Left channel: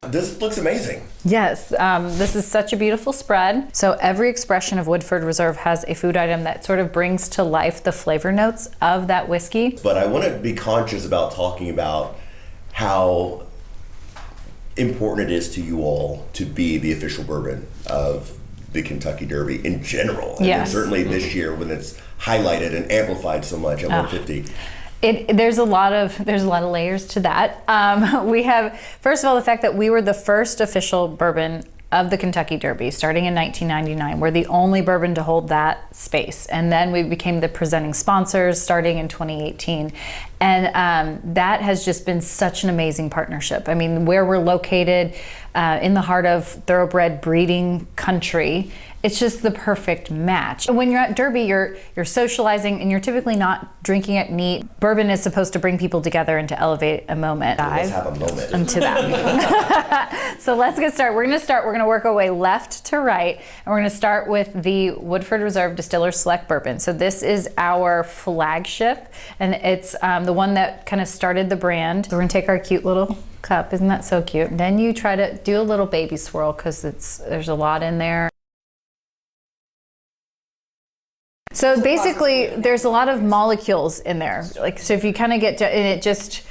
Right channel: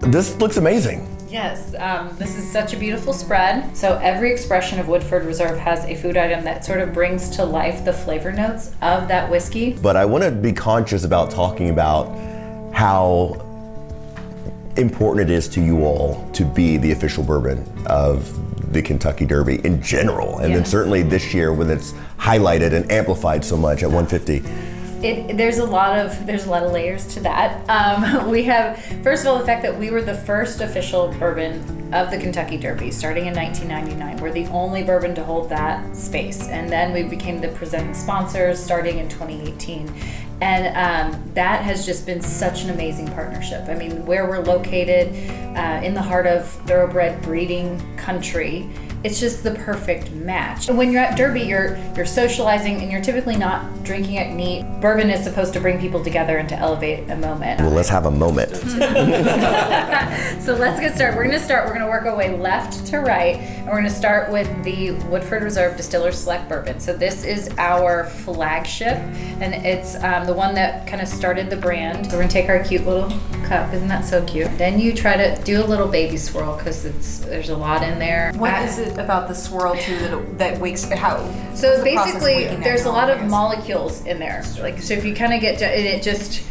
This looks amazing. Yes, this is such a beautiful spread. So every expression of Woodford Reserve has a food item that sort of brings to life the flavor notes of that whiskey. But I want to be conscious about talking about how important it is to you all to be the official bourbon of the Kentucky Derby in general. And then certainly this year when it's highlighted and amplified so much at 150. There's a lot of layers to that. We have, first of all, the fact that we were the first official bourbon of the Kentucky Derby starting in 1999. We're the only bourbon to hold that space. And then we became the presenting sponsors starting in 2018. And that has just been such an amazing partnership. I mean, where we're located in the heart of thoroughbred breeding country, it's just the perfect match. When you're at Derby, you're socializing and you're typically not drinking it neat. Bourbon is supposed to bring people together and to elevate a moment. Well, let's have a moment. Into that. So let's get started. We're gonna work our way left to right, and we're gonna start with the Woodford Reserve Distiller Select Bourbon. So this is our flagship, and it's the one that kind of started the brand. So we're gonna take our cute little cup. Isn't that so cute? And then you try to do a little baby swirl because there's a lot in there. What is it about the swirl too that wakes how? So basically, there's a lot of molecules in there. Like, so if you kind of get to, and it just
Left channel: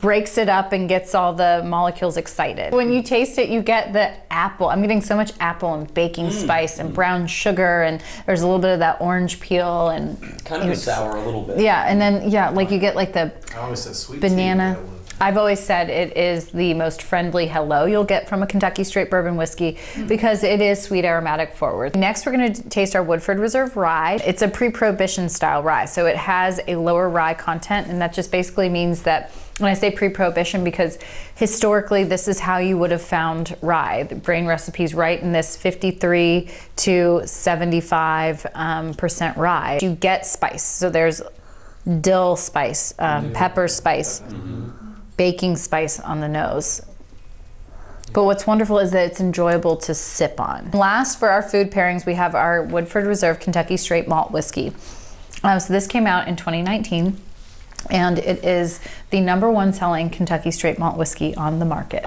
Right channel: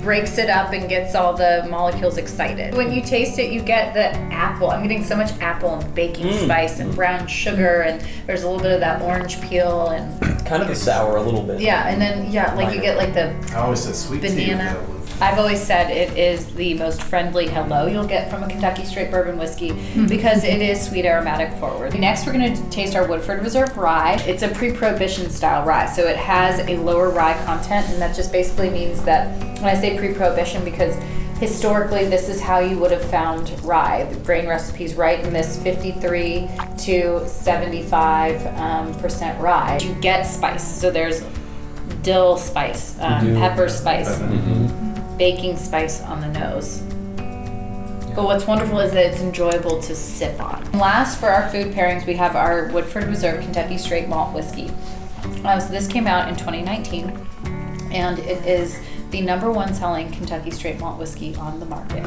breaks it up and gets all the molecules excited. When you taste it, you get the apple. I'm getting so much apple and baking spice and brown sugar, and there's a little bit of that orange peel and kind of a sour a little bit. Yeah, and then you get like the I always said sweet banana. tea. I've always said it is the most friendly hello you'll get from a Kentucky straight bourbon whiskey because it is sweet aromatic forward. Next, we're going to taste our Woodford Reserve rye. It's a pre-prohibition style rye, so it has a lower rye content, and that just basically means that when I say pre-prohibition, because historically this is how you would have found rye. The grain recipes right in this 53 to 75% rye. You get spice, so there's dill spice, pepper spice, baking spice on the nose. But what's wonderful is that it's enjoyable to sip on. Last, for our food pairings, we have our Woodford Reserve Kentucky Straight Malt Whiskey. So this came out in 2019, and it is the #1 selling Kentucky Straight Malt Whiskey on the market,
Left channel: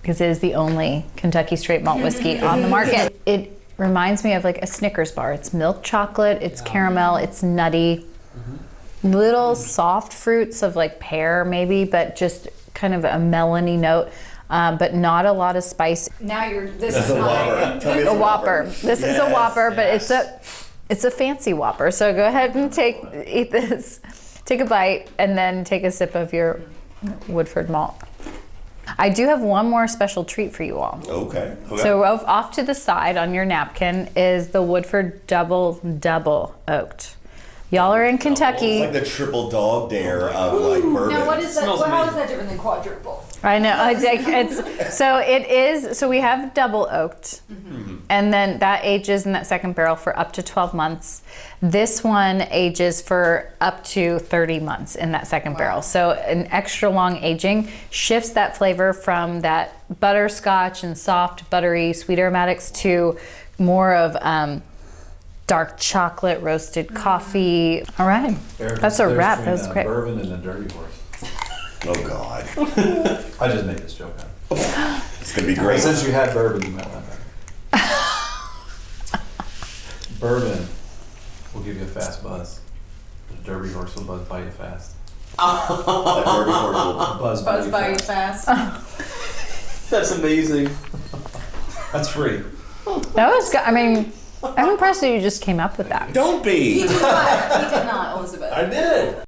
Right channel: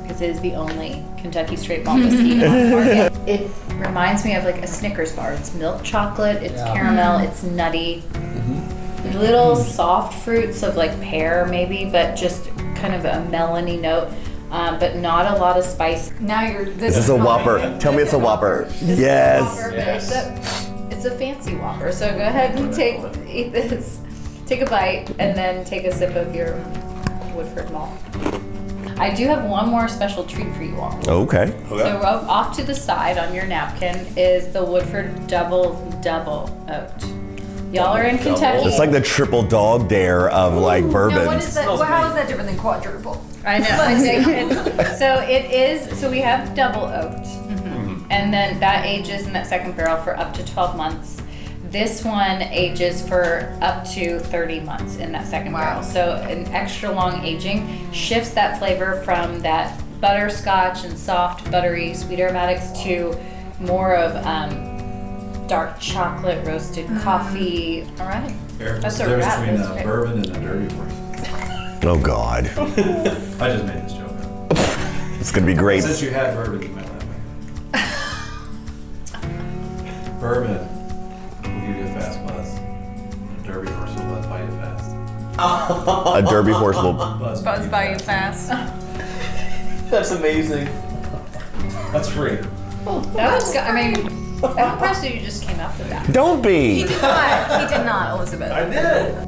because it is the only Kentucky Straight Malt Whiskey on the market. It reminds me of like a Snickers bar. It's milk chocolate, it's caramel, it's nutty. Little soft fruits of like pear maybe, but just kind of a melony note, but not a lot of spice. Now This is a Whopper. Tell me it's a Whopper. This is a Whopper, but it's a fancy Whopper. So go ahead and eat this. Take a bite and then take a sip of your Woodford malt. I do have one more special treat for you all. Okay. So off to the side on your napkin is the Woodford Double Oaked. Y'all are in Kentucky. It's like the triple dog dare of like bourbon. Now what is that? Well, how is that different than quadruple? I know. I think so we have double oaked, and then that ages in that second barrel for up to 12 months. This one ages for up to 30 months in that second barrel. So an extra long aging shifts that flavor from that butterscotch and soft, buttery, sweet aromatics to more of dark chocolate, roasted coffee. All right, that's a wrap. That's great. Bourbon and a dirty horse. Oh God. I just made this joke up. It's gonna be great. Since you had bourbon, you meant that. Bourbon will give you a fast buzz. A derby horse will buzz by you fast. A Derby horse will Buzz by you fast. That's amazing. That's free. That was. I mean, I'm impressed that you just came up with that. Don't be. He did not, Elizabeth. I did.